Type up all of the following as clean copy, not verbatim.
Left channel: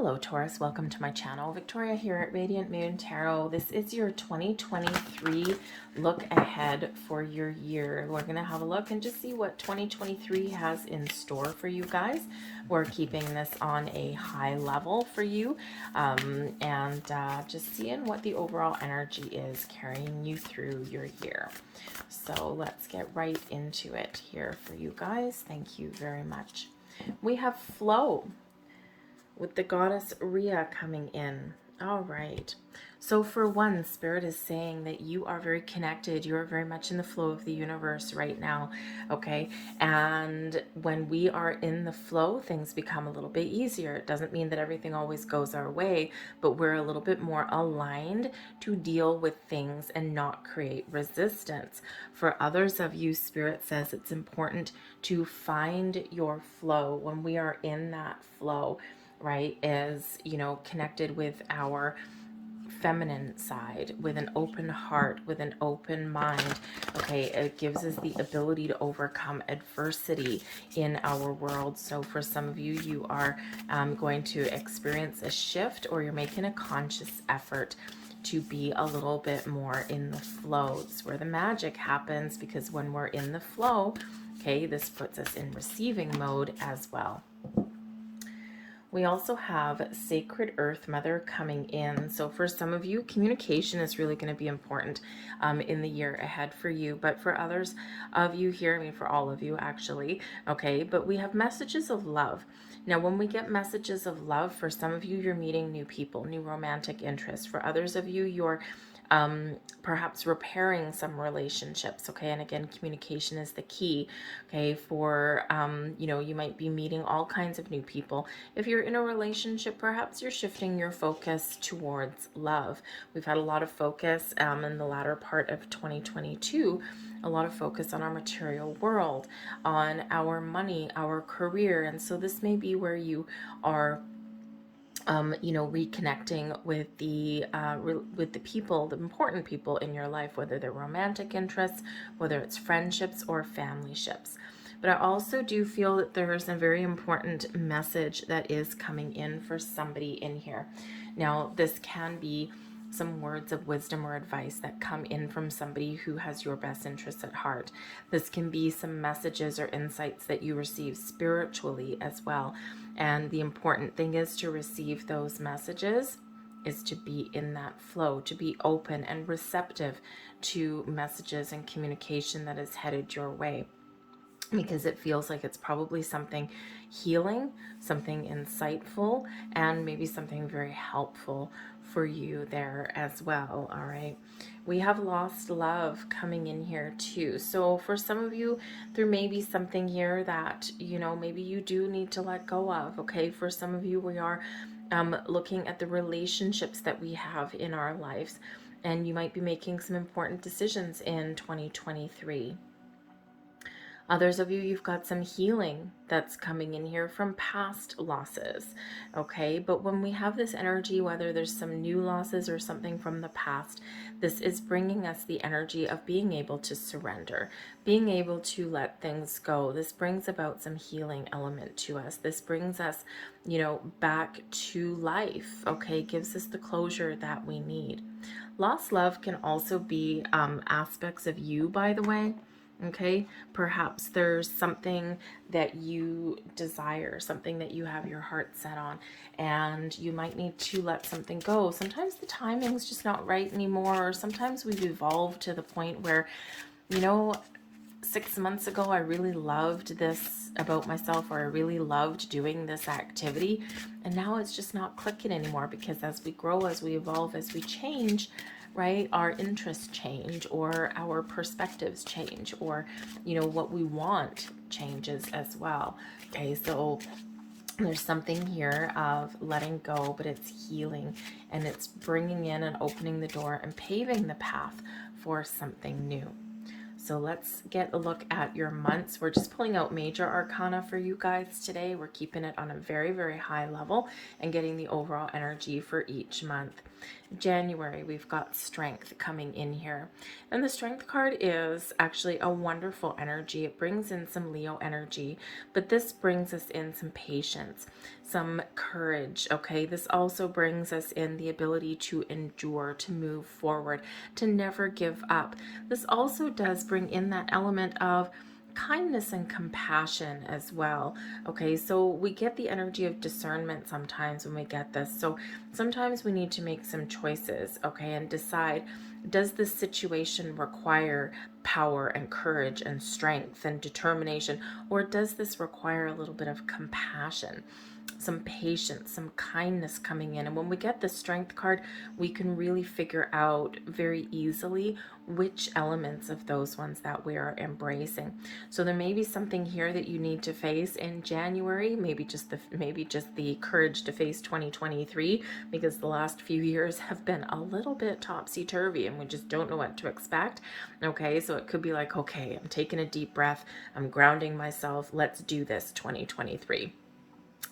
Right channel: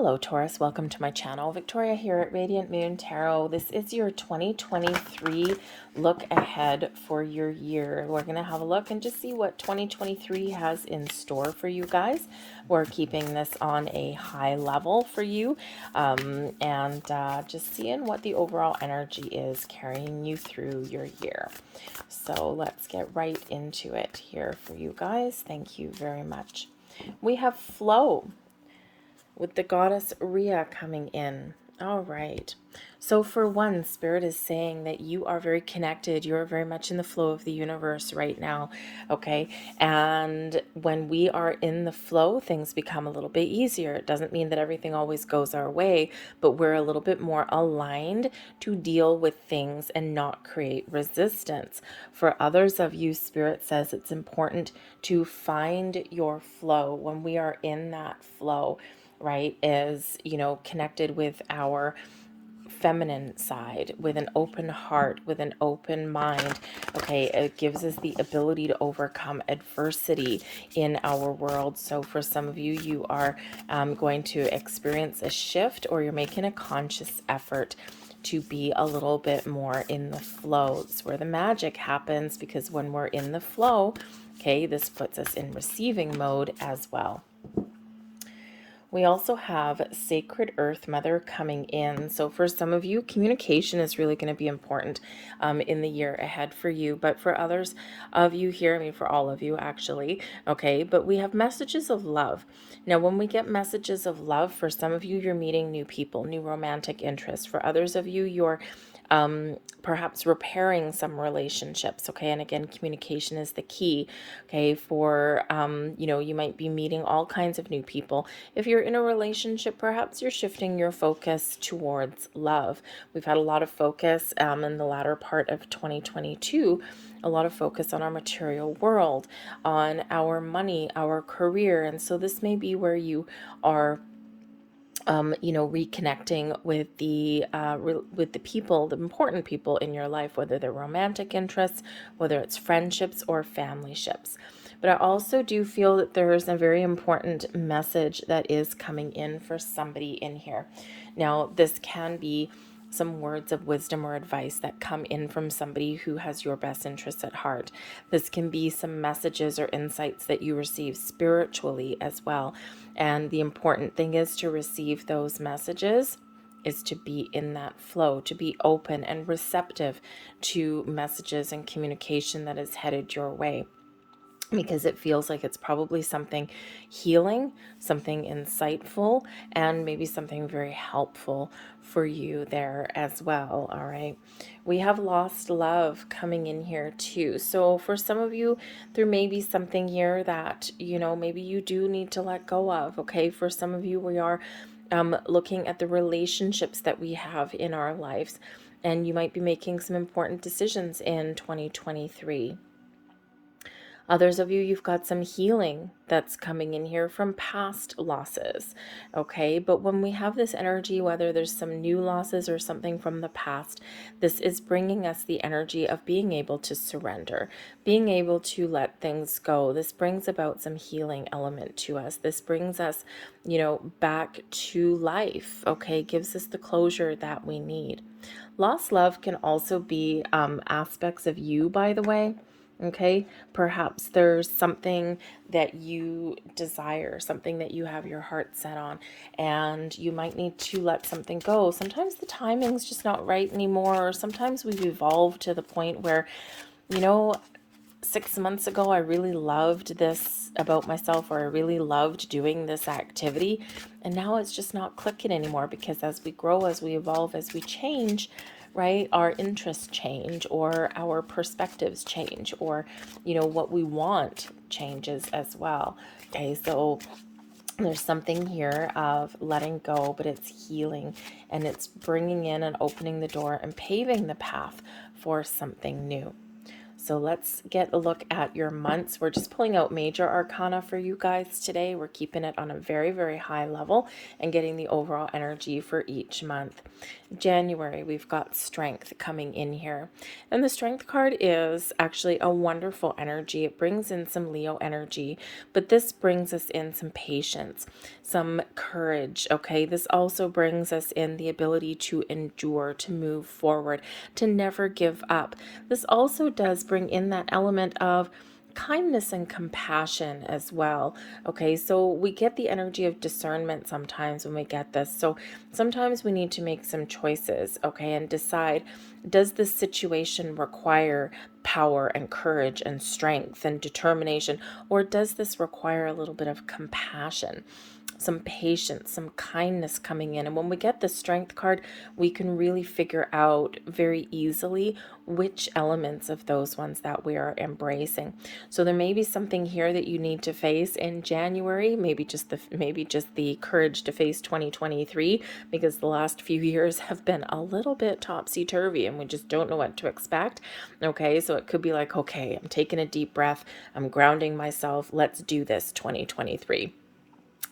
Hello Taurus, welcome to my channel. Victoria here at Radiant Moon Tarot. This is your 2023 look ahead for your year. We're going to have a look and just see what 2023 has in store for you guys. We're keeping this on a high level for you and just seeing what the overall energy is carrying you through your year. So let's get right into it here for you guys. Thank you very much. We have flow with the goddess Rhea coming in. All right. So for one, Spirit is saying that you are very connected. You are very much in the flow of the universe right now. Okay. And when we are in the flow, things become a little bit easier. It doesn't mean that everything always goes our way, but we're a little bit more aligned to deal with things and not create resistance. For others of you, Spirit says it's important to find your flow. When we are in that flow, right, is, connected with our feminine side, with an open heart, with an open mind. Okay, it gives us the ability to overcome adversity in our world. So for some of you, you are going to experience a shift, or you're making a conscious effort to be a little bit more in the flow. It's where the magic happens, because when we're in the flow, okay, this puts us in receiving mode as well. We also have Sacred Earth Mother coming in. So for some of you, communication is really going to be important in the year ahead for you. But for others of you here, I mean, for all of you actually, okay, but we have messages of love. Now, when we get messages of love, for some of you, you're meeting new people, new romantic interests. For others of you, you're perhaps repairing some relationships. Okay. And again, communication is the key. Okay. For, you might be meeting all kinds of new people. If you're in a relationship, perhaps you're shifting your focus towards love. We've had a lot of focus in the latter part of 2022, a lot of focus on our material world, on our money, our career. And so this may be where you are reconnecting with the people, the important people in your life, whether they're romantic interests, whether it's friendships or family ships. But I also do feel that there is a very important message that is coming in for somebody in here. Now, this can be some words of wisdom or advice that come in from somebody who has your best interests at heart. This can be some messages or insights that you receive spiritually as well. And the important thing is to receive those messages, is to be in that flow, to be open and receptive to messages and communication that is headed your way, because it feels like it's probably something healing, something insightful, and maybe something very helpful for you there as well. All right. We have lost love coming in here too. So for some of you, there may be something here that, maybe you do need to let go of. Okay. For some of you, we are looking at the relationships that we have in our lives, and you might be making some important decisions in 2023. Others of you, you've got some healing that's coming in here from past losses, okay? But when we have this energy, whether there's some new losses or something from the past, this is bringing us the energy of being able to surrender, being able to let things go. This brings about some healing element to us. This brings us, back to life, okay? Gives us the closure that we need. Lost love can also be aspects of you, by the way. Okay, perhaps there's something that you desire, something that you have your heart set on, and you might need to let something go. Sometimes the timing's just not right anymore, or sometimes we've evolved to the point where, 6 months ago, I really loved this about myself, or I really loved doing this activity, and now it's just not clicking anymore, because as we grow, as we evolve, as we change, right, our interests change, or our perspectives change, or what we want changes as well. Okay, so there's something here of letting go, but it's healing, and it's bringing in and opening the door and paving the path for something new. So let's get a look at your months. We're just pulling out major arcana for you guys today. We're keeping it on a very, very high level and getting the overall energy for each month. January, we've got strength coming in here. And the strength card is actually a wonderful energy. It brings in some Leo energy, but this brings us in some patience, some courage, okay? This also brings us in the ability to endure, to move forward, to never give up. This also does bring in that element of kindness and compassion as well. Okay, so we get the energy of discernment sometimes when we get this. So sometimes we need to make some choices, okay, and decide, does this situation require power and courage and strength and determination, or does this require a little bit of compassion, some patience, some kindness coming in? And when we get the strength card, we can really figure out very easily which elements of those ones that we are embracing. So there may be something here that you need to face in January, maybe just the courage to face 2023, because the last few years have been a little bit topsy-turvy and we just don't know what to expect. Okay, so it could be like, okay, I'm taking a deep breath, I'm grounding myself, let's do this 2023.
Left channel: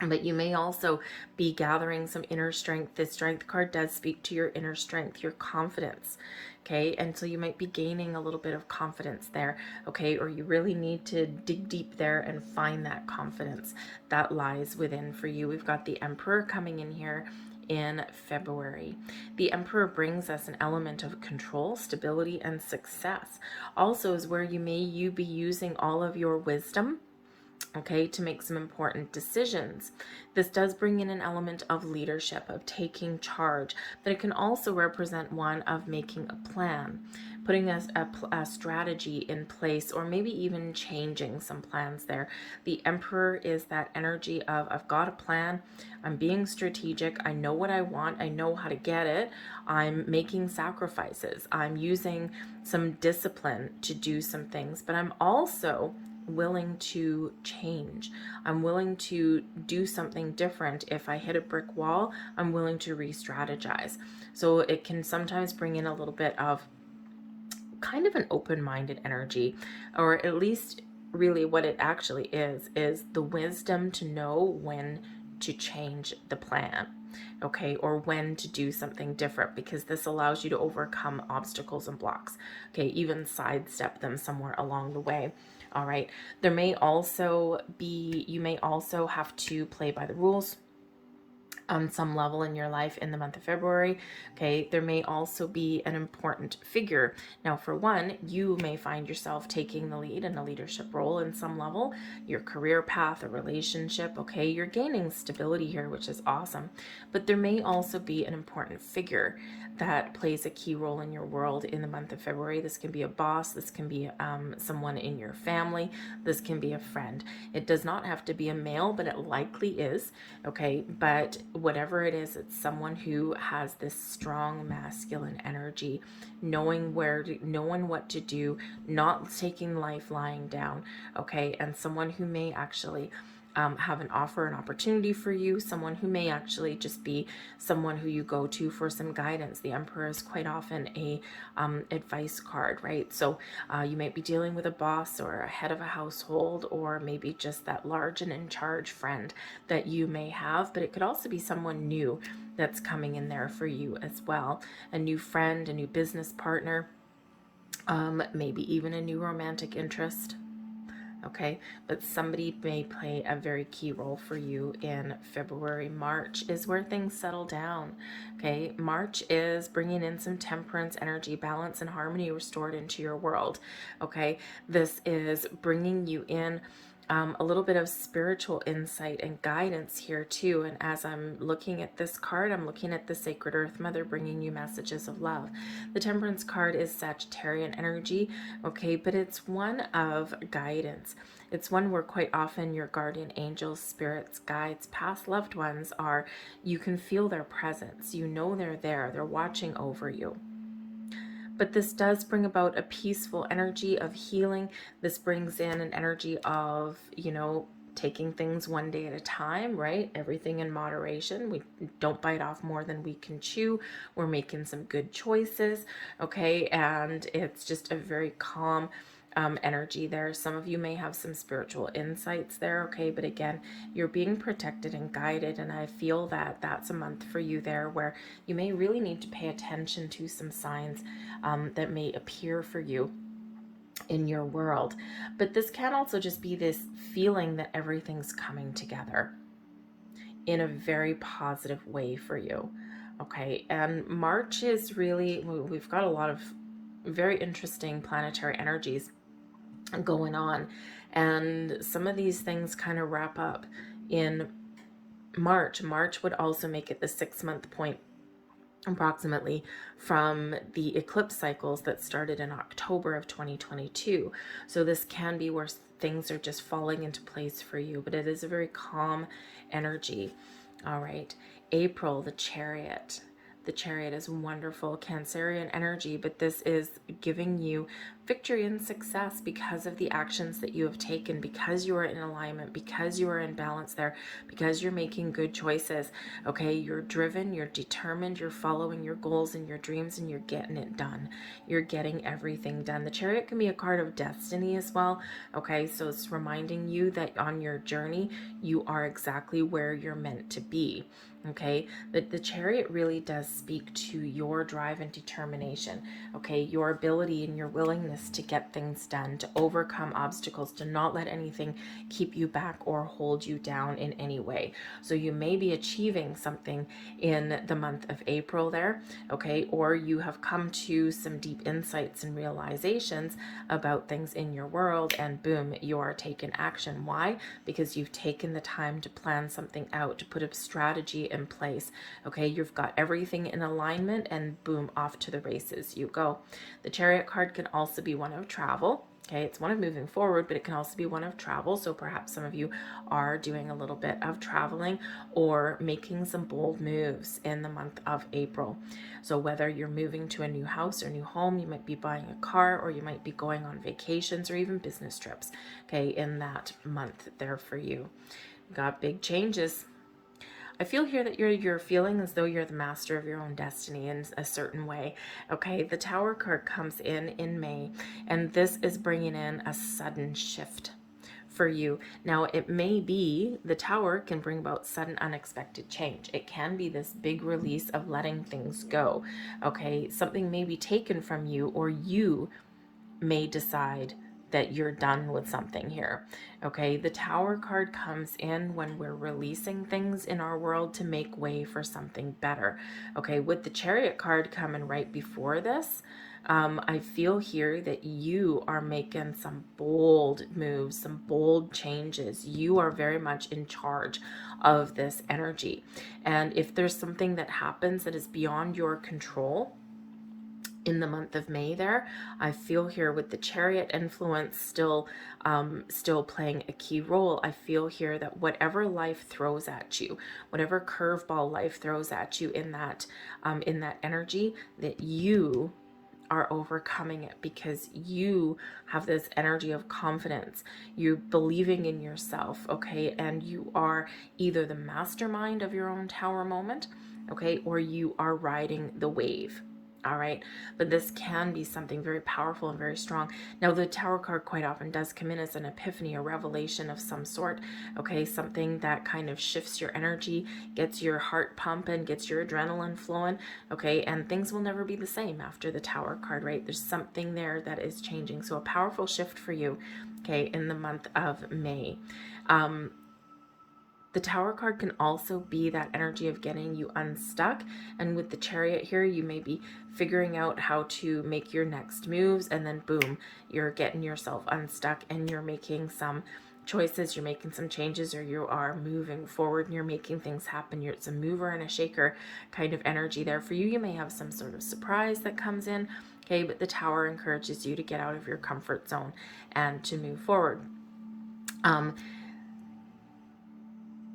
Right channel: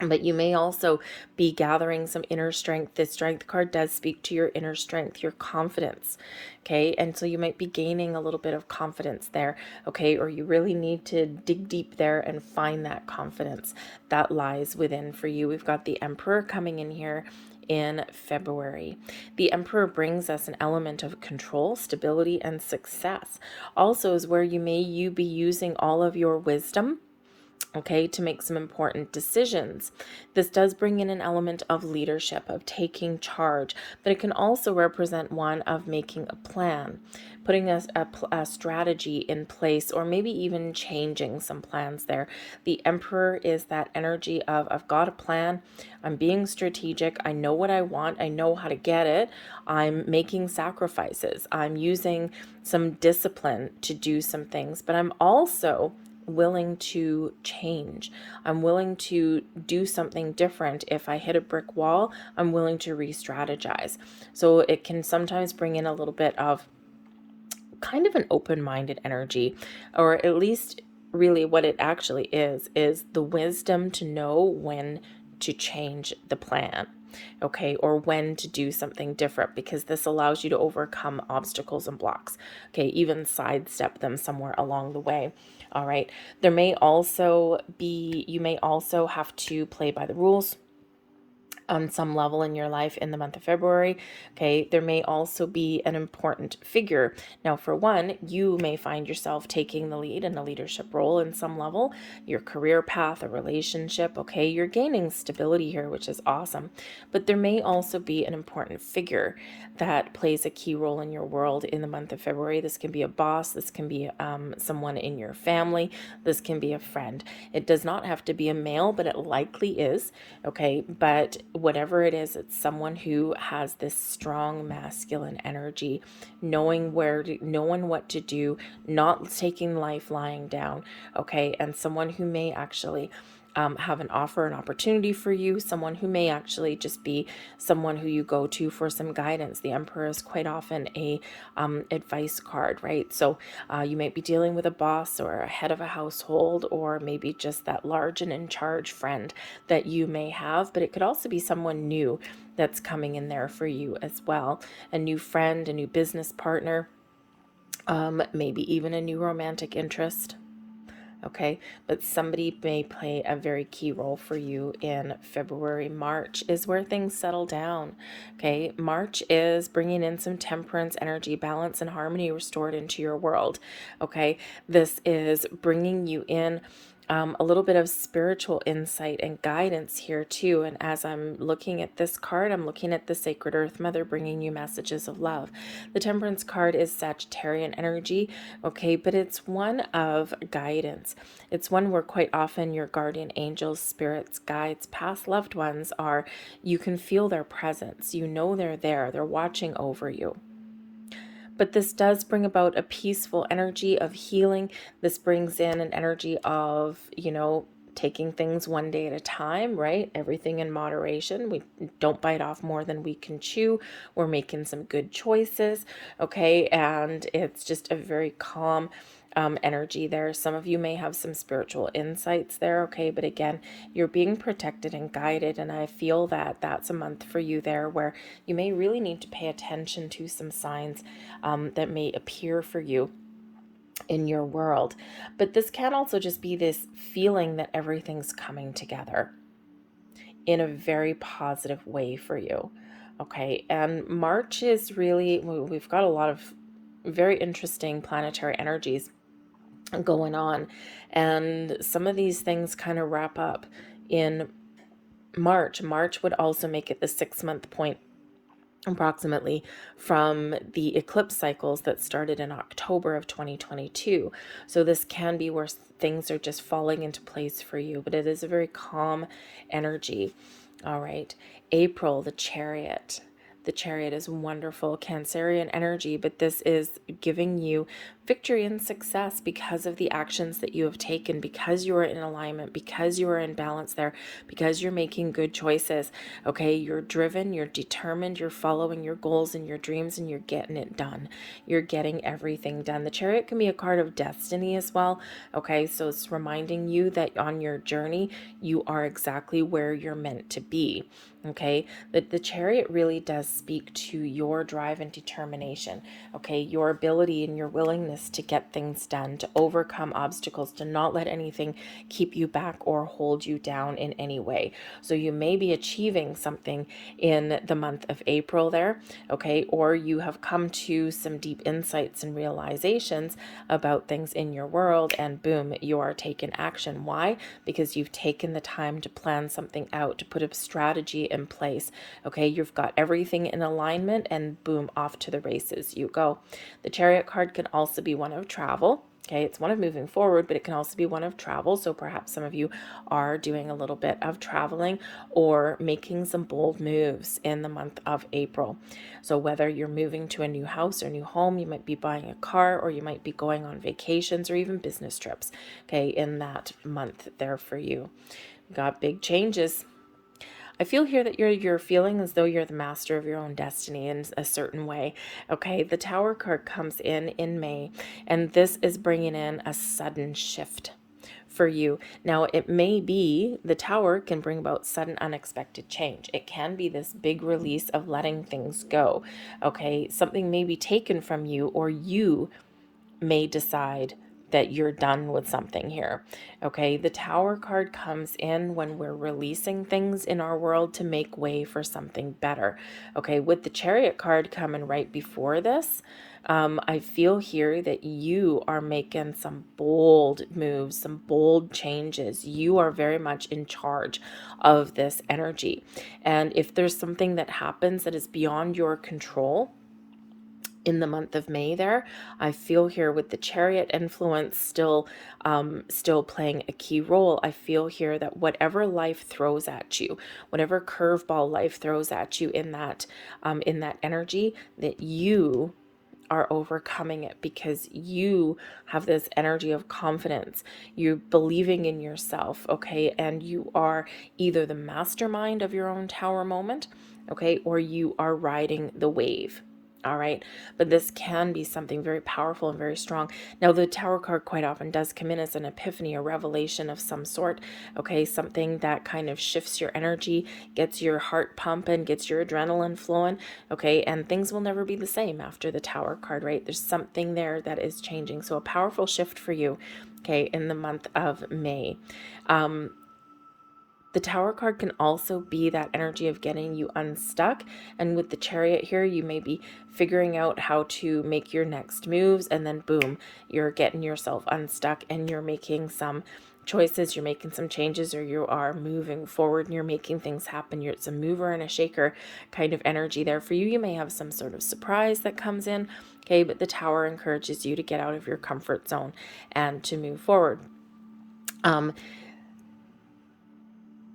But you may also be gathering some inner strength. This strength card does speak to your inner strength, your confidence. Okay, and so you might be gaining a little bit of confidence there. Okay, or you really need to dig deep there and find that confidence that lies within for you. We've got the Emperor coming in here in February. The Emperor brings us an element of control, stability, and success. Also is where you be using all of your wisdom, okay, to make some important decisions. This does bring in an element of leadership, of taking charge, but it can also represent one of making a plan, putting a strategy in place, or maybe even changing some plans there. The Emperor is that energy of, I've got a plan, I'm being strategic, I know what I want, I know how to get it, I'm making sacrifices, I'm using some discipline to do some things, but I'm also willing to change. I'm willing to do something different. If I hit a brick wall, I'm willing to re-strategize. So it can sometimes bring in a little bit of kind of an open-minded energy, or at least really what it actually is the wisdom to know when to change the plan, okay, or when to do something different, because this allows you to overcome obstacles and blocks, okay, even sidestep them somewhere along the way. All right, you may also have to play by the rules on some level in your life in the month of February. Okay, there may also be an important figure. Now, for one, you may find yourself taking the lead in a leadership role in some level, your career path, a relationship. Okay, you're gaining stability here, which is awesome. But there may also be an important figure that plays a key role in your world in the month of February. This can be a boss, this can be someone in your family, this can be a friend. It does not have to be a male, but it likely is, okay? But whatever it is, it's someone who has this strong masculine energy, knowing what to do, not taking life lying down, okay? And someone who may actually have an offer, an opportunity for you, someone who may actually just be someone who you go to for some guidance. The Emperor is quite often a advice card, right? So you might be dealing with a boss or a head of a household, or maybe just that large and in charge friend that you may have, but it could also be someone new that's coming in there for you as well. A new friend, a new business partner, maybe even a new romantic interest. Okay, but somebody may play a very key role for you in February. March is where things settle down. Okay, March is bringing in some temperance energy, balance and harmony restored into your world. Okay, this is bringing you in a little bit of spiritual insight and guidance here too. And as I'm looking at this card, I'm looking at the Sacred Earth Mother bringing you messages of love. The Temperance card is Sagittarian energy, okay, but it's one of guidance. It's one where quite often your guardian angels, spirits, guides, past loved ones you can feel their presence. You know they're there. They're watching over you. But this does bring about a peaceful energy of healing. This brings in an energy of, taking things one day at a time, right? Everything in moderation. We don't bite off more than we can chew. We're making some good choices, okay? And it's just a very calm, energy there. Some of you may have some spiritual insights there, okay? But again, you're being protected and guided, and I feel that that's a month for you there where you may really need to pay attention to some signs that may appear for you in your world. But this can also just be this feeling that everything's coming together in a very positive way for you. Okay, and March is really, we've got a lot of very interesting planetary energies going on, and some of these things kind of wrap up in March. March would also make it the 6-month point approximately from the eclipse cycles that started in October of 2022. So this can be where things are just falling into place for you, but it is a very calm energy. All right, April, the Chariot. The Chariot is wonderful Cancerian energy, but this is giving you victory and success because of the actions that you have taken, because you are in alignment, because you are in balance there, because you're making good choices. Okay, you're driven, you're determined, you're following your goals and your dreams, and you're getting it done. You're getting everything done. The Chariot can be a card of destiny as well. Okay, so it's reminding you that on your journey, you are exactly where you're meant to be. Okay, the Chariot really does speak to your drive and determination. Okay, your ability and your willingness to get things done, to overcome obstacles, to not let anything keep you back or hold you down in any way. So you may be achieving something in the month of April there, okay, or you have come to some deep insights and realizations about things in your world, and boom, you are taking action. Why? Because you've taken the time to plan something out, to put a strategy in place. Okay, you've got everything in alignment, and boom, off to the races you go. The Chariot card can also be one of travel. Okay, it's one of moving forward, but it can also be one of travel. So perhaps some of you are doing a little bit of traveling or making some bold moves in the month of April. So whether you're moving to a new house or new home, you might be buying a car, or you might be going on vacations or even business trips, okay, in that month there for you. Got big changes. I feel here that you're feeling as though you're the master of your own destiny in a certain way. Okay, the Tower card comes in May, and this is bringing in a sudden shift for you. Now, it may be the Tower can bring about sudden unexpected change. It can be this big release of letting things go. Okay, something may be taken from you, or you may decide that you're done with something here. Okay, the Tower card comes in when we're releasing things in our world to make way for something better. Okay, with the Chariot card coming right before this, I feel here that you are making some bold moves, some bold changes. You are very much in charge of this energy. And if there's something that happens that is beyond your control, in the month of May there, I feel here with the Chariot influence still playing a key role. I feel here that whatever life throws at you, whatever curveball life throws at you in that energy, that you are overcoming it, because you have this energy of confidence. You're believing in yourself, okay? And you are either the mastermind of your own Tower moment, okay, or you are riding the wave. All right, but this can be something very powerful and very strong. Now, the Tower card quite often does come in as an epiphany, a revelation of some sort. Okay, something that kind of shifts your energy, gets your heart pumping, gets your adrenaline flowing. Okay, and things will never be the same after the Tower card, right? There's something there that is changing. So a powerful shift for you, okay, in the month of May. The Tower card can also be that energy of getting you unstuck. And with the Chariot here, you may be figuring out how to make your next moves, and then boom, you're getting yourself unstuck and you're making some choices, you're making some changes, or you are moving forward and you're making things happen. It's a mover and a shaker kind of energy there for you. You may have some sort of surprise that comes in, okay, but the Tower encourages you to get out of your comfort zone and to move forward.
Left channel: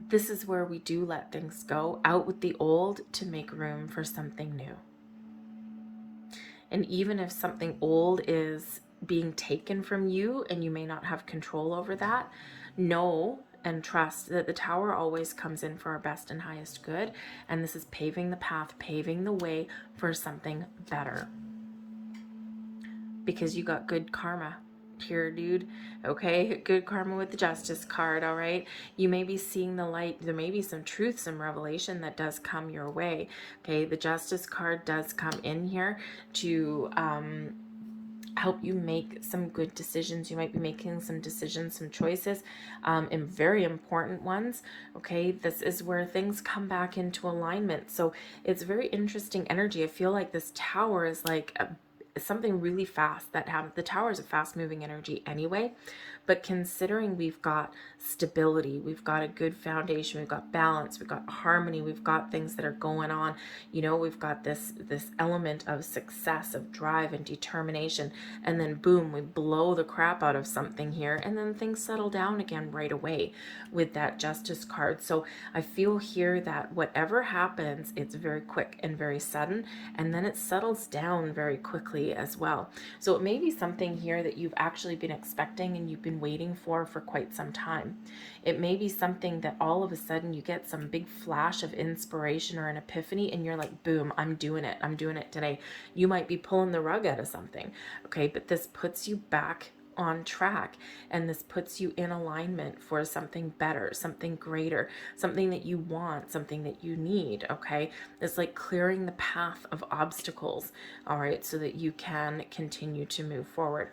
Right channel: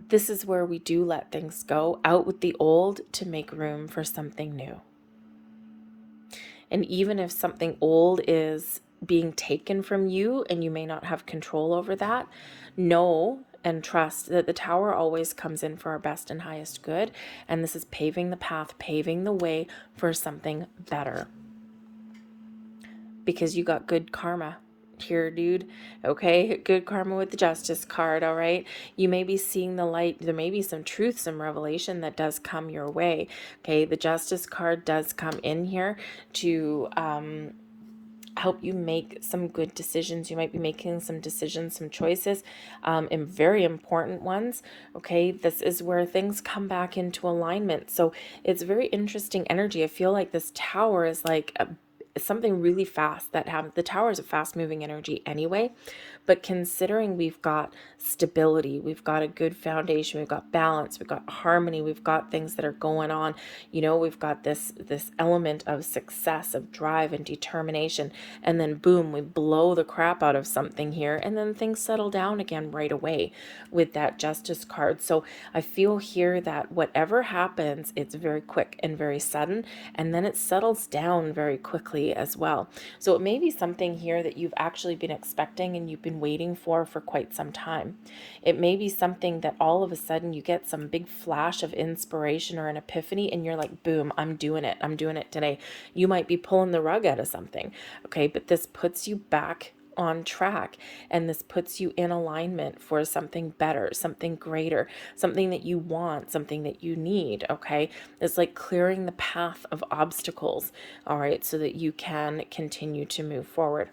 This is where we do let things go, out with the old to make room for something new. And even if something old is being taken from you and you may not have control over that, know and trust that the Tower always comes in for our best and highest good. And this is paving the path, paving the way for something better. Because you got good karma correct here, dude. Okay, good karma with the Justice card, all right? You may be seeing the light. There may be some truth, some revelation that does come your way. Okay, the Justice card does come in here to help you make some good decisions. You might be making some decisions, some choices, and very important ones. Okay, this is where things come back into alignment. So it's very interesting energy. I feel like this Tower is like something really fast that happens. The Tower is a fast moving energy anyway, but considering we've got stability, we've got a good foundation, we've got balance, we've got harmony, we've got things that are going on, you know, we've got this element of success, of drive and determination, and then boom, we blow the crap out of something here, and then things settle down again right away with that Justice card. So I feel here that whatever happens, it's very quick and very sudden, and then it settles down very quickly as well. So it may be something here that you've actually been expecting and you've been waiting for quite some time. It may be something that all of a sudden you get some big flash of inspiration or an epiphany and you're like, boom, I'm doing it. I'm doing it today. You might be pulling the rug out of something. Okay, but this puts you back on track, and this puts you in alignment for something better, something greater, something that you want, something that you need. Okay, it's like clearing the path of obstacles, all right, so that you can continue to move forward.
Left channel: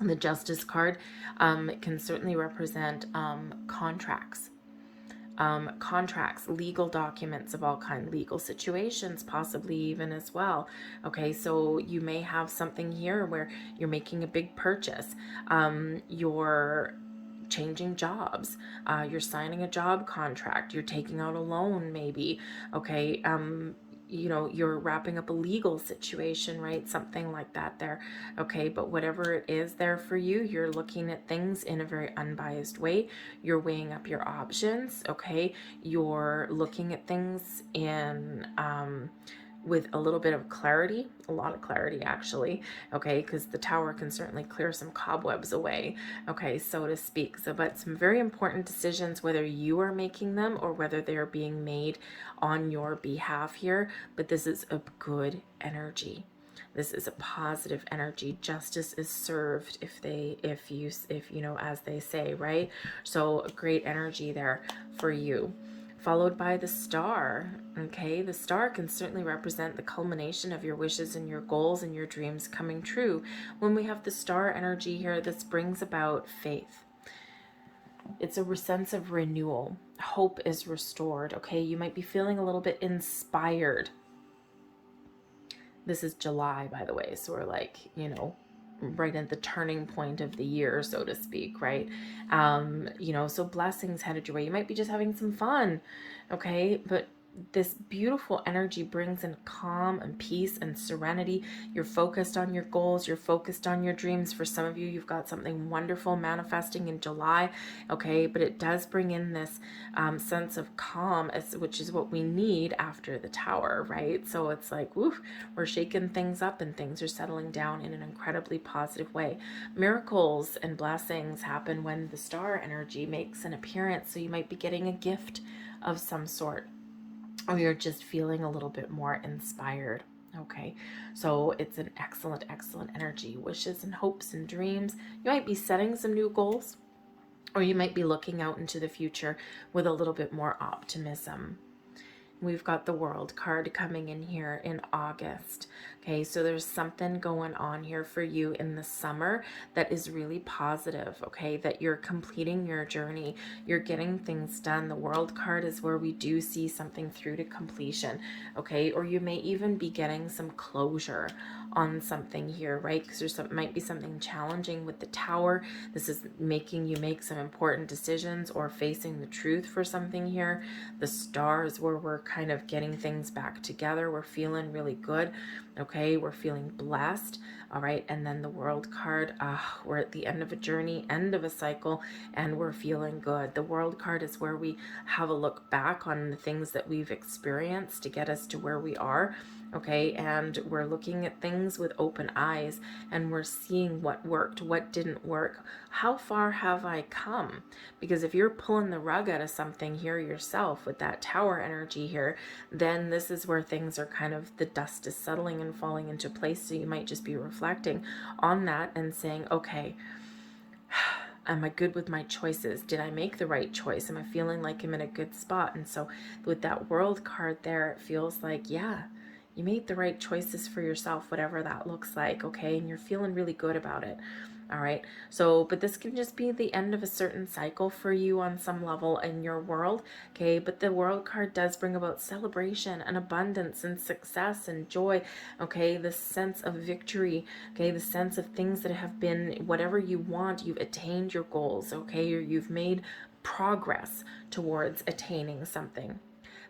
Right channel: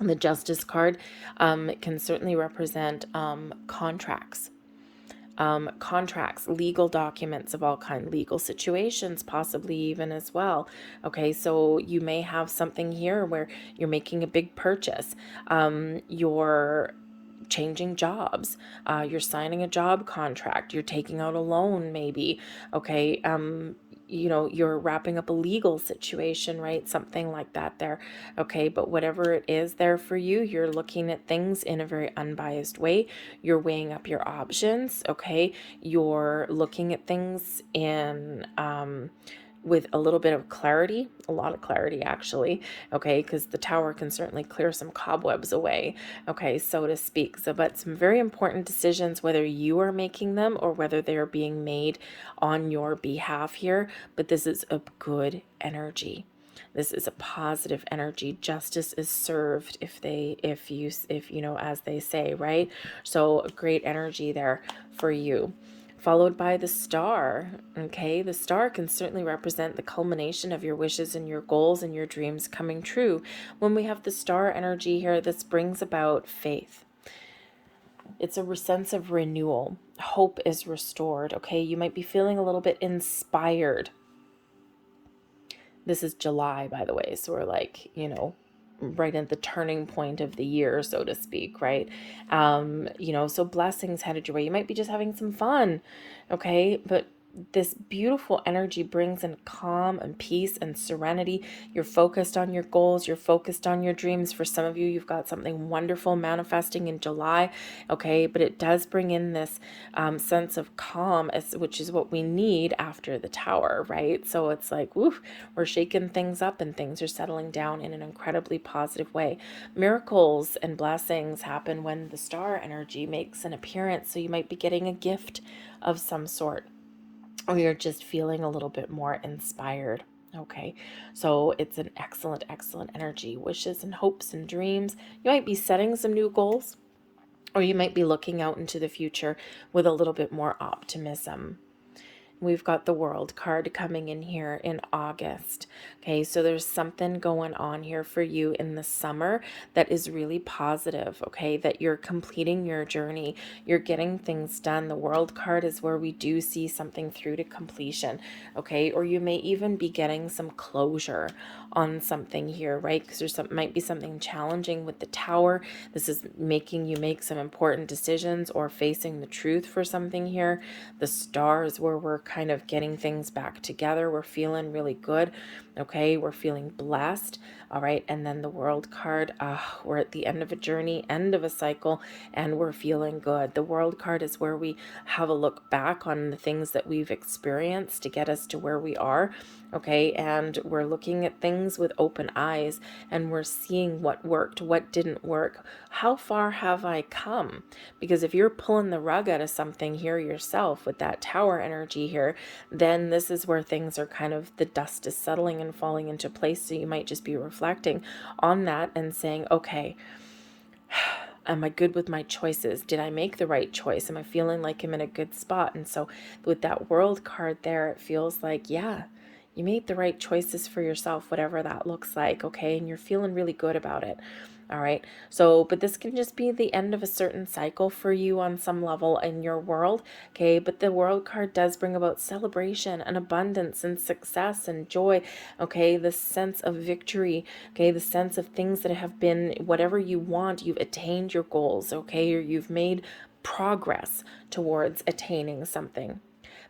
The Justice card can certainly represent contracts, legal documents of all kinds, legal situations possibly even as well. Okay, so you may have something here where you're making a big purchase, you're changing jobs, you're signing a job contract, you're taking out a loan maybe. Okay, you know, you're wrapping up a legal situation, right? Something like that there. Okay, but whatever it is there for you, you're looking at things in a very unbiased way. You're weighing up your options. Okay, you're looking at things in with a little bit of clarity, a lot of clarity actually. Okay, because the Tower can certainly clear some cobwebs away, okay, so to speak. So but some very important decisions, whether you are making them or whether they're being made on your behalf here. But this is a good energy. This is a positive energy. Justice is served if you know, as they say, right? So great energy there for you, followed by the Star. Okay, the Star can certainly represent the culmination of your wishes and your goals and your dreams coming true. When we have the Star energy here, this brings about faith. It's a sense of renewal. Hope is restored. Okay, you might be feeling a little bit inspired. This is July, by the way, so we're like, you know, right at the turning point of the year, so to speak, right? You know, so blessings headed your way. You might be just having some fun, okay? But this beautiful energy brings in calm and peace and serenity. You're focused on your goals. You're focused on your dreams. For some of you, you've got something wonderful manifesting in July, okay? But it does bring in this sense of calm, which is what we need after the Tower, right? So it's like, woof, we're shaking things up and things are settling down in an incredibly positive way. Miracles and blessings happen when the Star energy makes an appearance. So you might be getting a gift of some sort, or you're just feeling a little bit more inspired. Okay, so it's an excellent, excellent energy. Wishes and hopes and dreams. You might be setting some new goals, or you might be looking out into the future with a little bit more optimism. We've got the World card coming in here in August. Okay, so there's something going on here for you in the summer that is really positive, okay, that you're completing your journey, you're getting things done. The World card is where we do see something through to completion, okay, or you may even be getting some closure on something here, right? Because might be something challenging with the Tower. This is making you make some important decisions or facing the truth for something here. The Star is where we're kind of getting things back together. We're feeling really good, okay? We're feeling blessed, all right? And then the World card, we're at the end of a journey, end of a cycle, and we're feeling good. The World card is where we have a look back on the things that we've experienced to get us to where we are, okay? And we're looking at things with open eyes, and we're seeing what worked, what didn't work. How far have I come? Because if you're pulling the rug out of something here yourself with that Tower energy here, then this is where things are kind of, the dust is settling and falling into place. So you might just be reflecting on that and saying, okay, am I good with my choices? Did I make the right choice? Am I feeling like I'm in a good spot? And so with that World card there, it feels like, yeah, you made the right choices for yourself, whatever that looks like, okay? And you're feeling really good about it. All right. So, but this can just be the end of a certain cycle for you on some level in your world. Okay. But the World card does bring about celebration and abundance and success and joy. Okay. The sense of victory. Okay. The sense of things that have been whatever you want, you've attained your goals. Okay. Or you've made progress towards attaining something.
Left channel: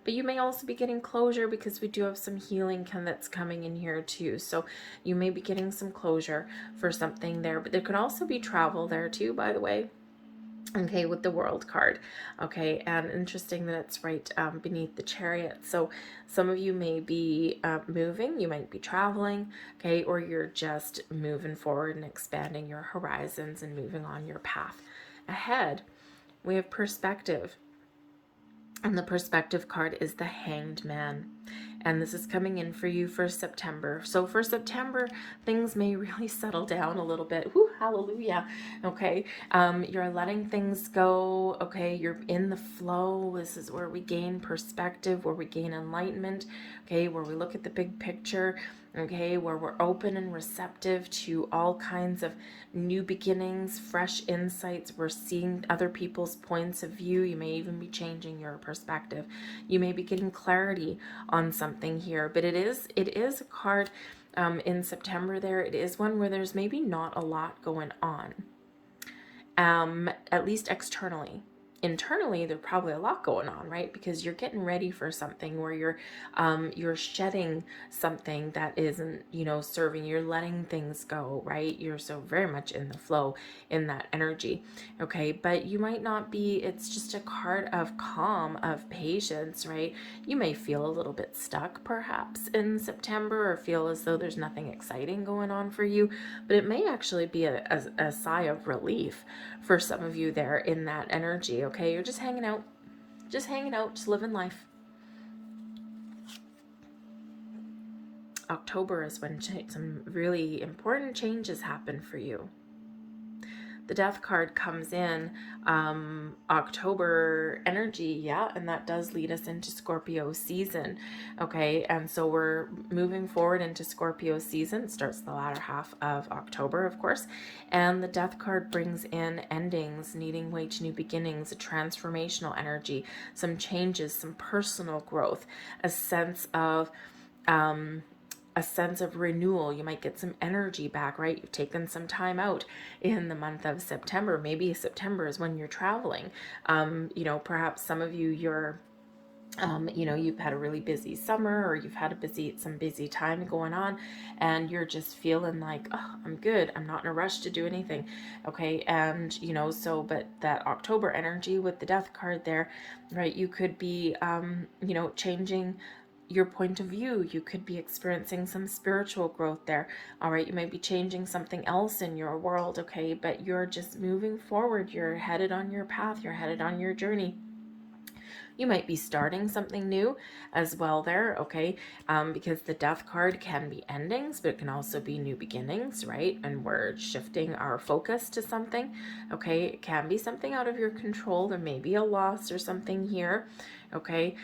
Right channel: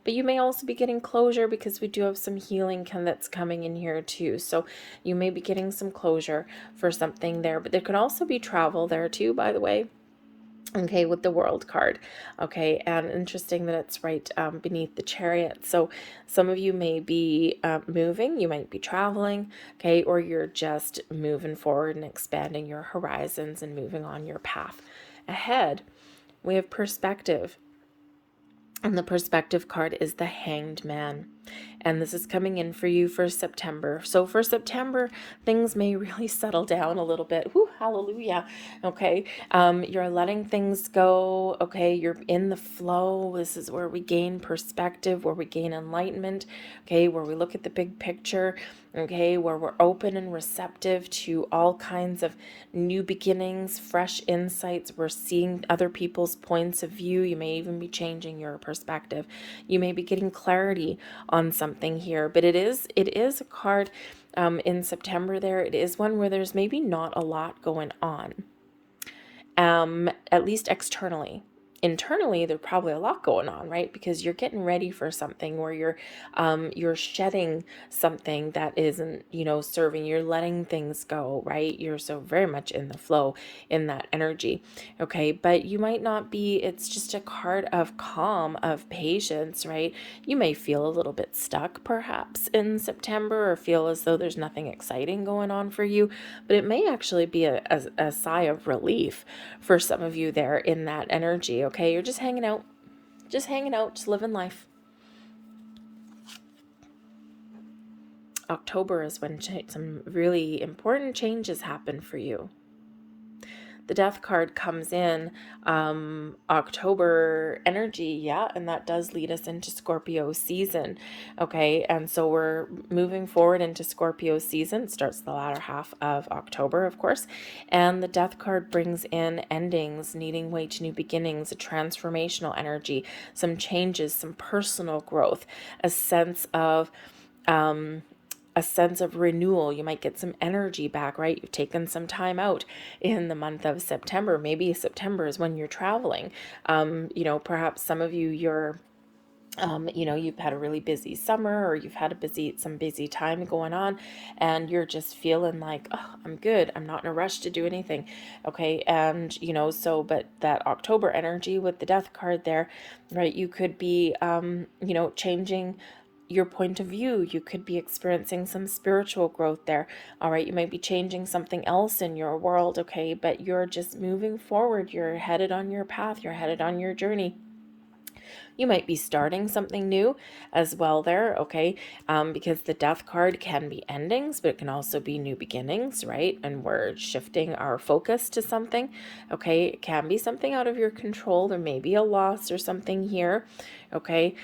But you may also be getting closure because we do have some healing that's coming in here too. So you may be getting some closure for something there. But there could also be travel there too, by the way. Okay, with the World card. Okay, and interesting that it's right beneath the Chariot. So some of you may be moving, you might be traveling, okay, or you're just moving forward and expanding your horizons and moving on your path ahead. We have perspective. And the perspective card is the Hanged Man. And this is coming in for you for September. So for September, things may really settle down a little bit. Whew, hallelujah. Okay. You're letting things go. Okay. You're in the flow. This is where we gain perspective, where we gain enlightenment. Okay. Where we look at the big picture. Okay. Where we're open and receptive to all kinds of new beginnings, fresh insights. We're seeing other people's points of view. You may even be changing your perspective. You may be getting clarity on something here, but it is a card in September there. It is one where there's maybe not a lot going on, at least externally. Internally, there's probably a lot going on, right? Because you're getting ready for something where you're shedding something that isn't, serving. You're letting things go, right? You're so very much in the flow, in that energy, okay? But you might not be. It's just a card of calm, of patience, right? You may feel a little bit stuck, perhaps, in September, or feel as though there's nothing exciting going on for you. But it may actually be a sigh of relief for some of you there in that energy. Okay, you're just hanging out, just living life. October is when some really important changes happen for you. The Death card comes in October energy, yeah, and that does lead us into Scorpio season. Okay, and so we're moving forward into Scorpio season. It starts the latter half of October, of course, and the Death card brings in endings, needing way to new beginnings, a transformational energy, some changes, some personal growth, a sense of renewal. You might get some energy back, right? You've taken some time out in the month of September. Maybe September is when you're traveling. Perhaps some of you, you've had a really busy summer, or you've had some busy time going on, and you're just feeling like, oh, I'm good. I'm not in a rush to do anything. Okay. And, but that October energy with the Death card there, right? You could be, changing your point of view. You could be experiencing some spiritual growth there. All right. You might be changing something else in your world. Okay. But you're just moving forward. You're headed on your path. You're headed on your journey. You might be starting something new as well there, okay? Because the Death card can be endings, but it can also be new beginnings, right? And we're shifting our focus to something, okay? It can be something out of your control. There may be a loss or something here, okay?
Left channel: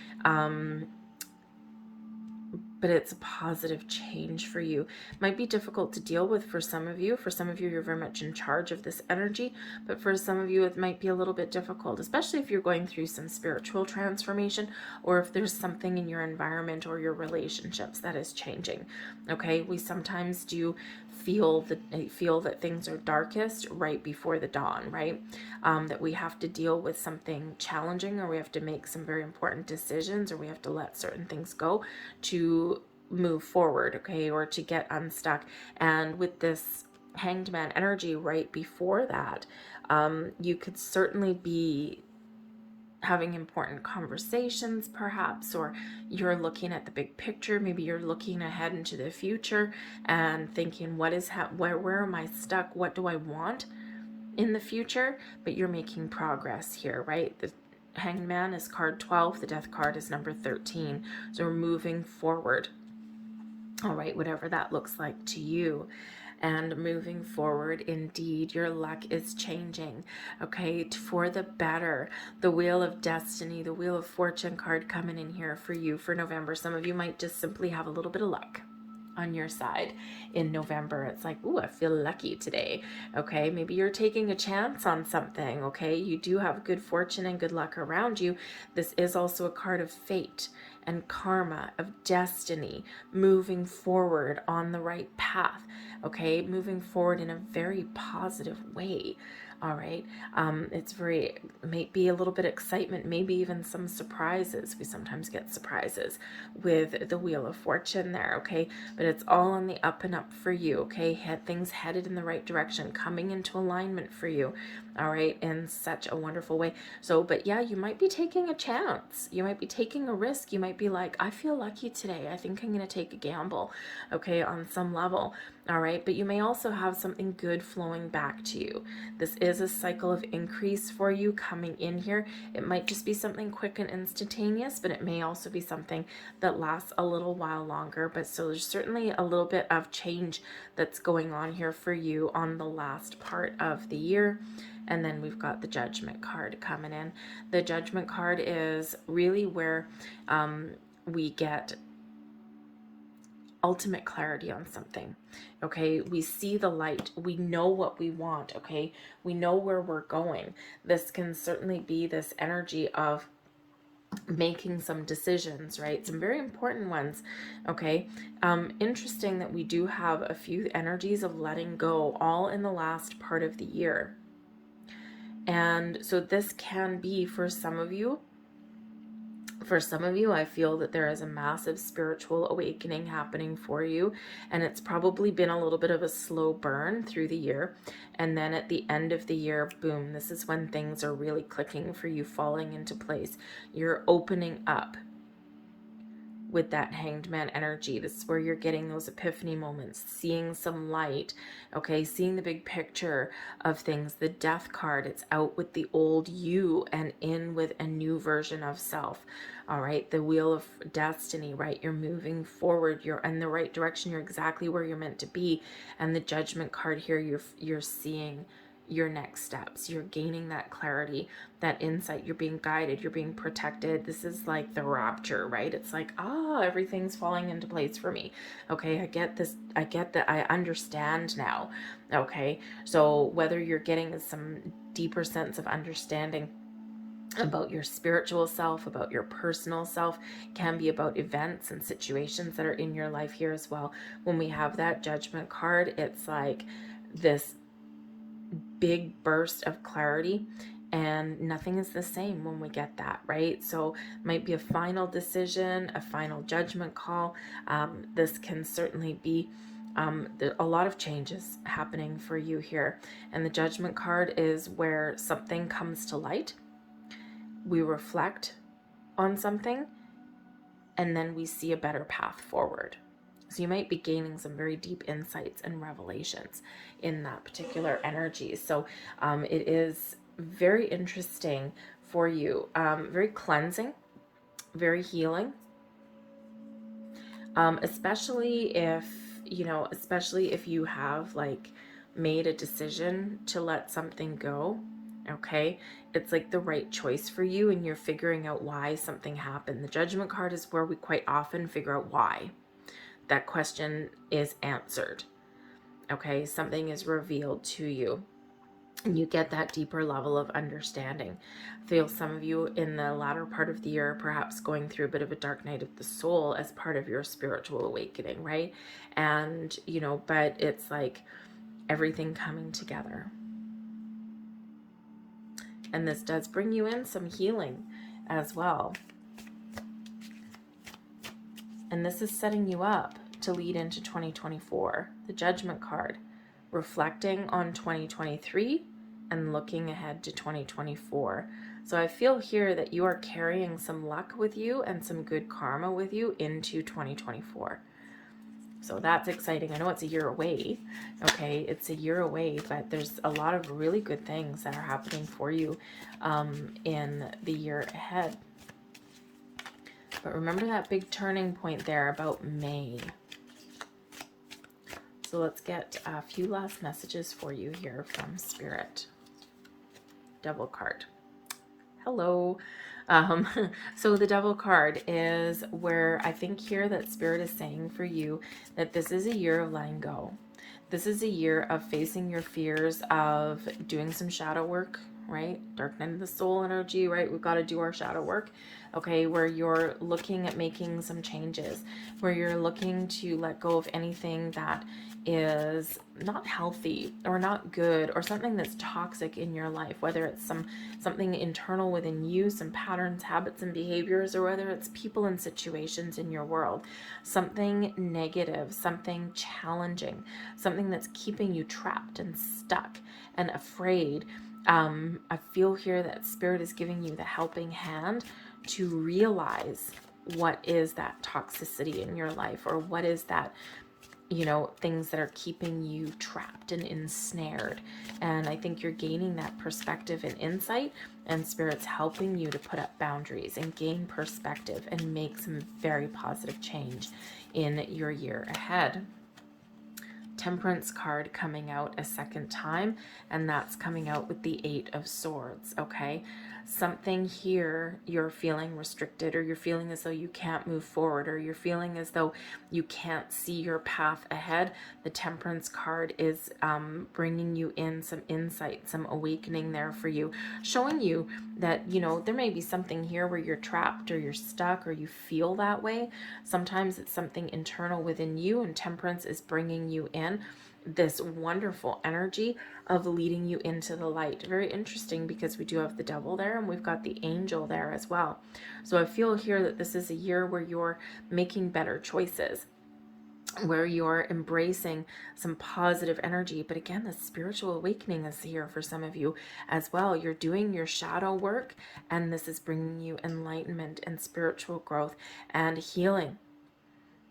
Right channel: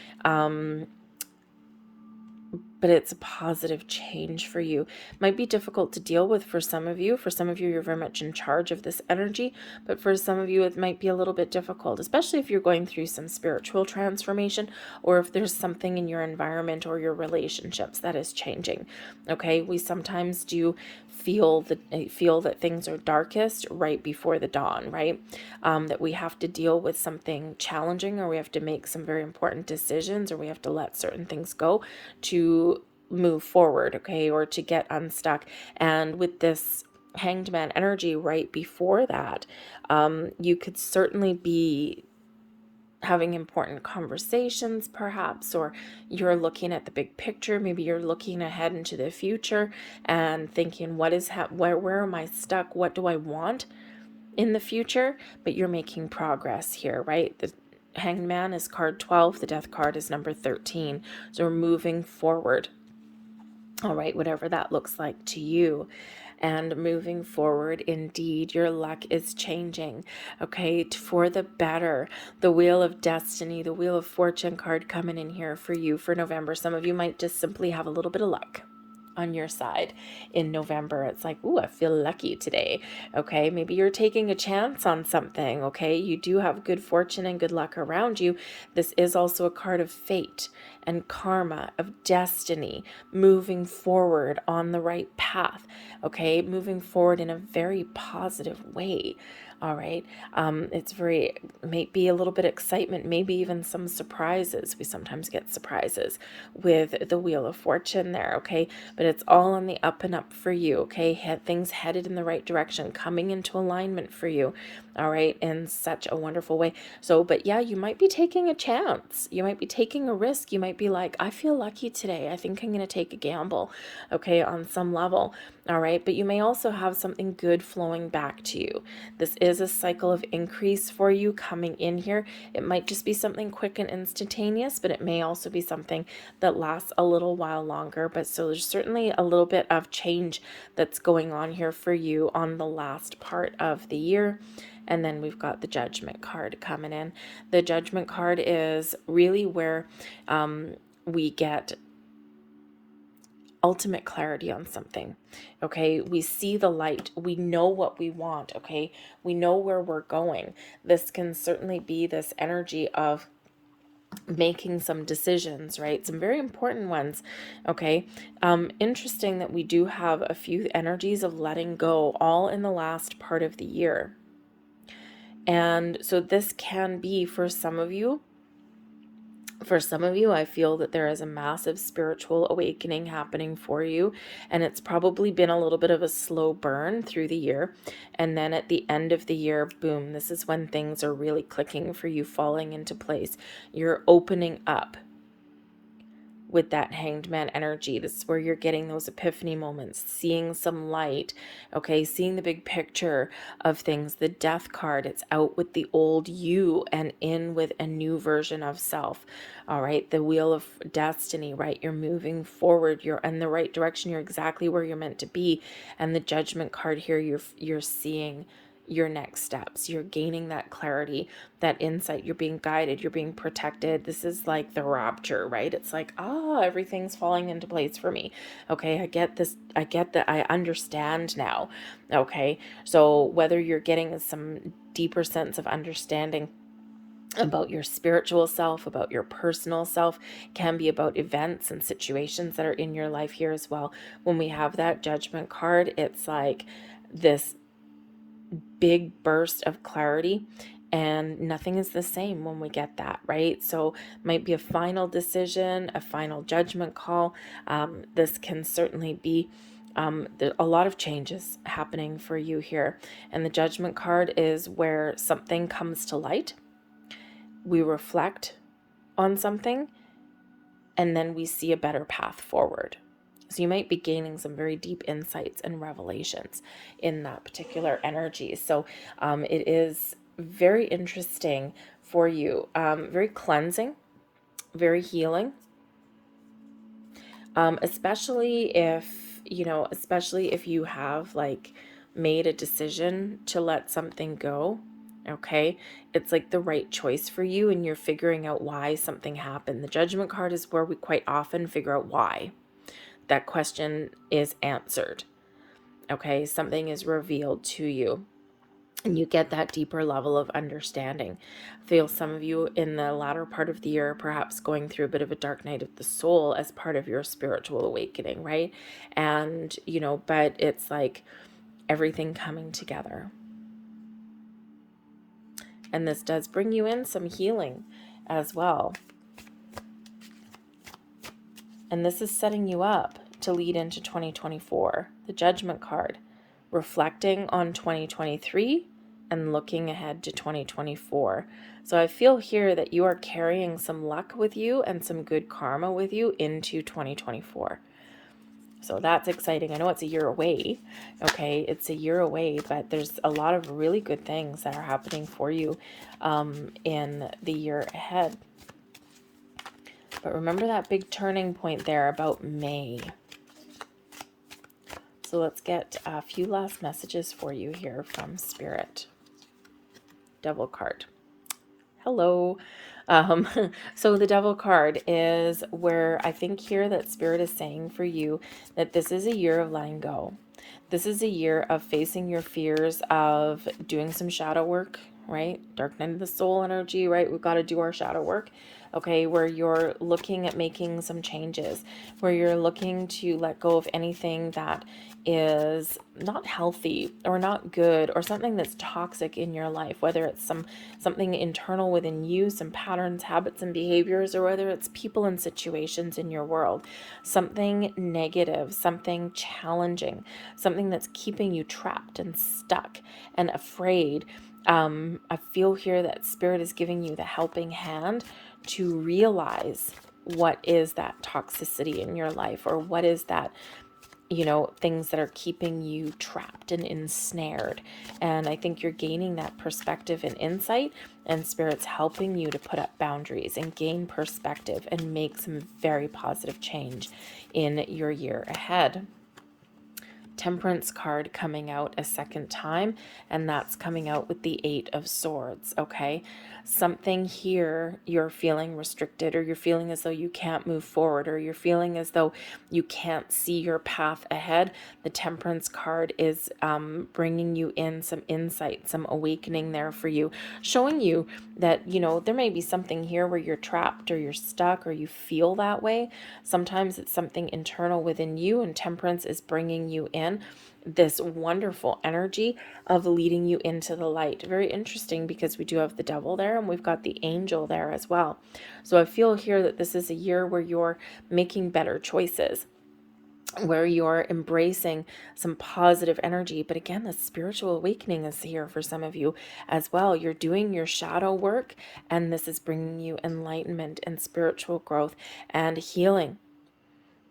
But it's a positive change for you. Might be difficult to deal with for some of you. For some of you, you're very much in charge of this energy, but for some of you, it might be a little bit difficult, especially if you're going through some spiritual transformation, or if there's something in your environment or your relationships that is changing. Okay, we sometimes do feel that things are darkest right before the dawn, right? That we have to deal with something challenging, or we have to make some very important decisions, or we have to let certain things go to move forward, okay, or to get unstuck. And with this Hanged Man energy right before that, you could certainly be having important conversations, perhaps, or you're looking at the big picture. Maybe you're looking ahead into the future and thinking, where am I stuck? What do I want in the future? But you're making progress here, right? The Hanged Man is card 12. The Death card is number 13. So we're moving forward. All right, whatever that looks like to you. and moving forward. Indeed, your luck is changing, okay, for the better. The Wheel of Destiny, the Wheel of Fortune card coming in here for you for November. Some of you might just simply have a little bit of luck on your side in November. It's like, ooh, I feel lucky today. Okay, maybe you're taking a chance on something. Okay, you do have good fortune and good luck around you. This is also a card of fate and karma, of destiny, moving forward on the right path. Okay, moving forward in a very positive way. All right. It's very, may be a little bit of excitement, maybe even some surprises. We sometimes get surprises with the Wheel of Fortune there. Okay. But it's all on the up and up for you. Okay. Things headed in the right direction, coming into alignment for you. All right. In such a wonderful way. So, but yeah, you might be taking a chance. You might be taking a risk. You might be like, I feel lucky today. I think I'm going to take a gamble. Okay. On some level. All right. But you may also have something good flowing back to you. This is a cycle of increase for you coming in here. It might just be something quick and instantaneous, but it may also be something that lasts a little while longer. But so there's certainly a little bit of change that's going on here for you on the last part of the year. And then we've got the Judgment card coming in. The Judgment card is really where we get ultimate clarity on something. Okay, we see the light, we know what we want. Okay, we know where we're going. This can certainly be this energy of making some decisions, right? Some very important ones. Okay, interesting that we do have a few energies of letting go all in the last part of the year. And so this can be for some of you, I feel that there is a massive spiritual awakening happening for you, and it's probably been a little bit of a slow burn through the year. And then at the end of the year, boom, this is when things are really clicking for you, falling into place. You're opening up with that Hanged Man energy. This is where you're getting those epiphany moments, seeing some light, okay, seeing the big picture of things. The Death card, it's out with the old you and in with a new version of self. All right, the Wheel of Destiny, right? You're moving forward, you're in the right direction, you're exactly where you're meant to be. And the Judgment card here, you're seeing your next steps. You're gaining that clarity, that insight. You're being guided, you're being protected. This is like the rapture, right? It's like, everything's falling into place for me. Okay, I get this. I get that. I understand now. Okay, so whether you're getting some deeper sense of understanding about your spiritual self, about your personal self, can be about events and situations that are in your life here as well. When we have that Judgment card, it's like this big burst of clarity, and nothing is the same when we get that, right? So might be a final decision, a final judgment call. This can certainly be a lot of changes happening for you here. And the Judgment card is where something comes to light. We reflect on something, and then we see a better path forward. So you might be gaining some very deep insights and revelations in that particular energy. So it is very interesting for you, very cleansing, very healing, especially if you have like made a decision to let something go. Okay, it's like the right choice for you, and you're figuring out why something happened. The Judgment card is where we quite often figure out why that question is answered. Okay, something is revealed to you, and you get that deeper level of understanding. I feel some of you in the latter part of the year perhaps going through a bit of a dark night of the soul as part of your spiritual awakening, right? And but it's like everything coming together. And this does bring you in some healing as well. And this is setting you up to lead into 2024. The Judgment card, reflecting on 2023 and looking ahead to 2024. So I feel here that you are carrying some luck with you and some good karma with you into 2024. So that's exciting. I know it's a year away. Okay, it's a year away, but there's a lot of really good things that are happening for you in the year ahead. But remember that big turning point there about May. So let's get a few last messages for you here from Spirit. Devil card. Hello. Um, so the Devil card is where I think here that Spirit is saying for you that this is a year of letting go. This is a year of facing your fears, of doing some shadow work, right? Dark night of the soul energy, right? We've got to do our shadow work. Okay, where you're looking at making some changes, where you're looking to let go of anything that is not healthy or not good, or something that's toxic in your life, whether it's something internal within you, some patterns, habits, and behaviors, or whether it's people and situations in your world, something negative, something challenging, something that's keeping you trapped and stuck and afraid. I feel here that Spirit is giving you the helping hand to realize what is that toxicity in your life, or what is that, things that are keeping you trapped and ensnared. And I think you're gaining that perspective and insight, and Spirit's helping you to put up boundaries and gain perspective and make some very positive change in your year ahead. Temperance card coming out a second time, and that's coming out with the 8 of Swords. Okay, something here, you're feeling restricted, or you're feeling as though you can't move forward, or you're feeling as though you can't see your path ahead. The Temperance card is bringing you in some insight, some awakening there for you, showing you that, there may be something here where you're trapped or you're stuck or you feel that way. Sometimes it's something internal within you, and Temperance is bringing you in this wonderful energy of leading you into the light. Very interesting, because we do have the Devil there and we've got the Angel there as well. So I feel here that this is a year where you're making better choices, where you're embracing some positive energy. But again, the spiritual awakening is here for some of you as well. You're doing your shadow work, and this is bringing you enlightenment and spiritual growth and healing.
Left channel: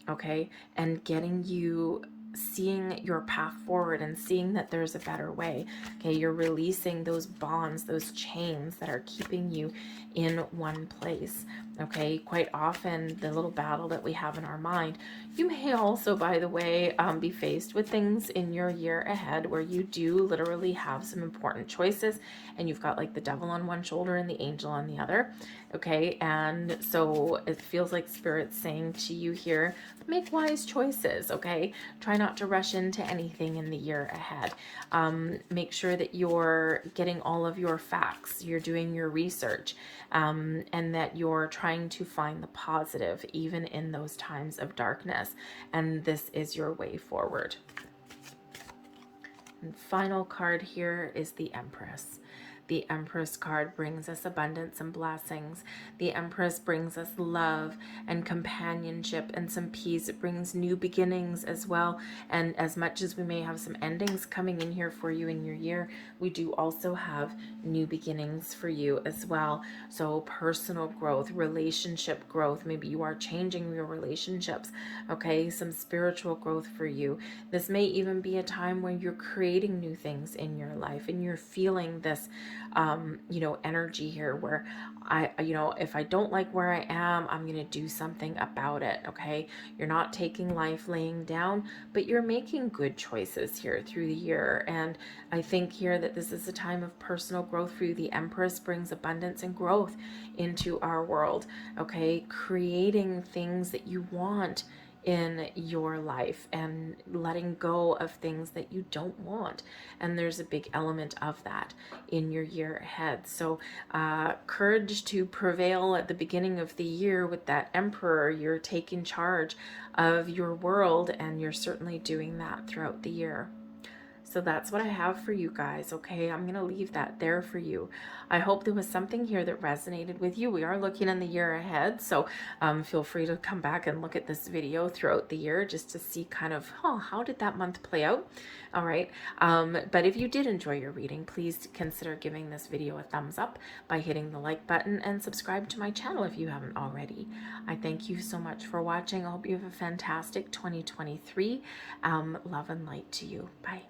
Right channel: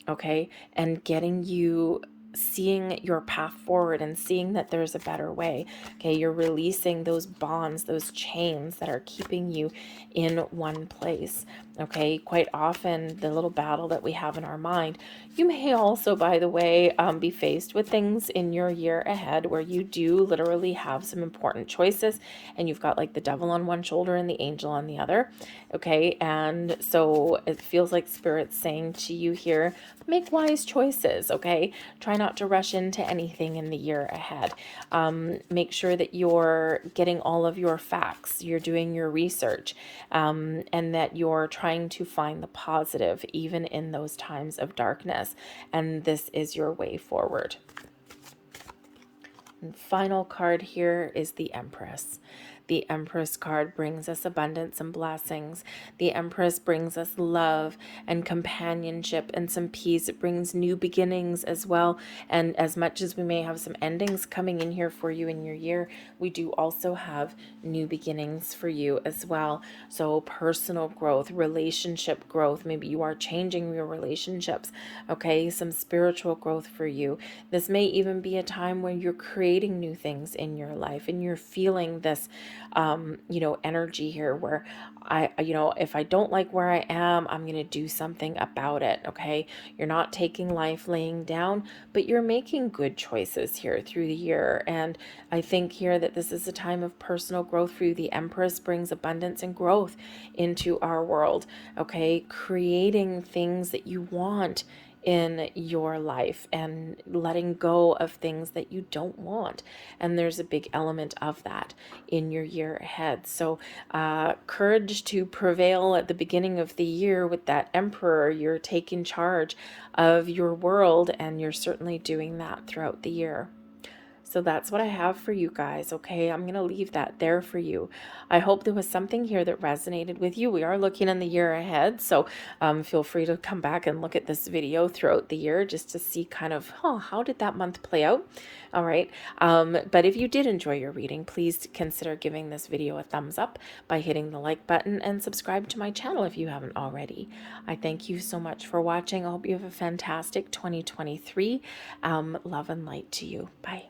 Okay, and getting you seeing your path forward and seeing that there's a better way. Okay, you're releasing those bonds, those chains that are keeping you in one place. Okay, quite often the little battle that we have in our mind. You may also, by the way, be faced with things in your year ahead where you do literally have some important choices, and you've got like the Devil on one shoulder and the Angel on the other. Okay, and so it feels like Spirit's saying to you here, make wise choices. Okay, try not to rush into anything in the year ahead. Make sure that you're getting all of your facts, you're doing your research, and that you're trying to find the positive even in those times of darkness. And this is your way forward. And final card here is the Empress. The Empress card brings us abundance and blessings. The Empress brings us love and companionship and some peace. It brings new beginnings as well. And as much as we may have some endings coming in here for you in your year, we do also have new beginnings for you as well. So personal growth, relationship growth. Maybe you are changing your relationships. Okay, some spiritual growth for you. This may even be a time when you're creating new things in your life, and you're feeling this energy here where if I don't like where I am, I'm going to do something about it. Okay. You're not taking life laying down, but you're making good choices here through the year. And I think here that this is a time of personal growth for you. The Empress brings abundance and growth into our world. Okay. Creating things that you want in your life and letting go of things that you don't want. And there's a big element of that in your year ahead. So courage to prevail at the beginning of the year with that Emperor. You're taking charge of your world, and you're certainly doing that throughout the year. So that's what I have for you guys, okay? I'm going to leave that there for you. I hope there was something here that resonated with you. We are looking in the year ahead, so feel free to come back and look at this video throughout the year just to see kind of, how did that month play out? All right. But if you did enjoy your reading, please consider giving this video a thumbs up by hitting the like button, and subscribe to my channel if you haven't already. I thank you so much for watching. I hope you have a fantastic 2023. Love and light to you. Bye.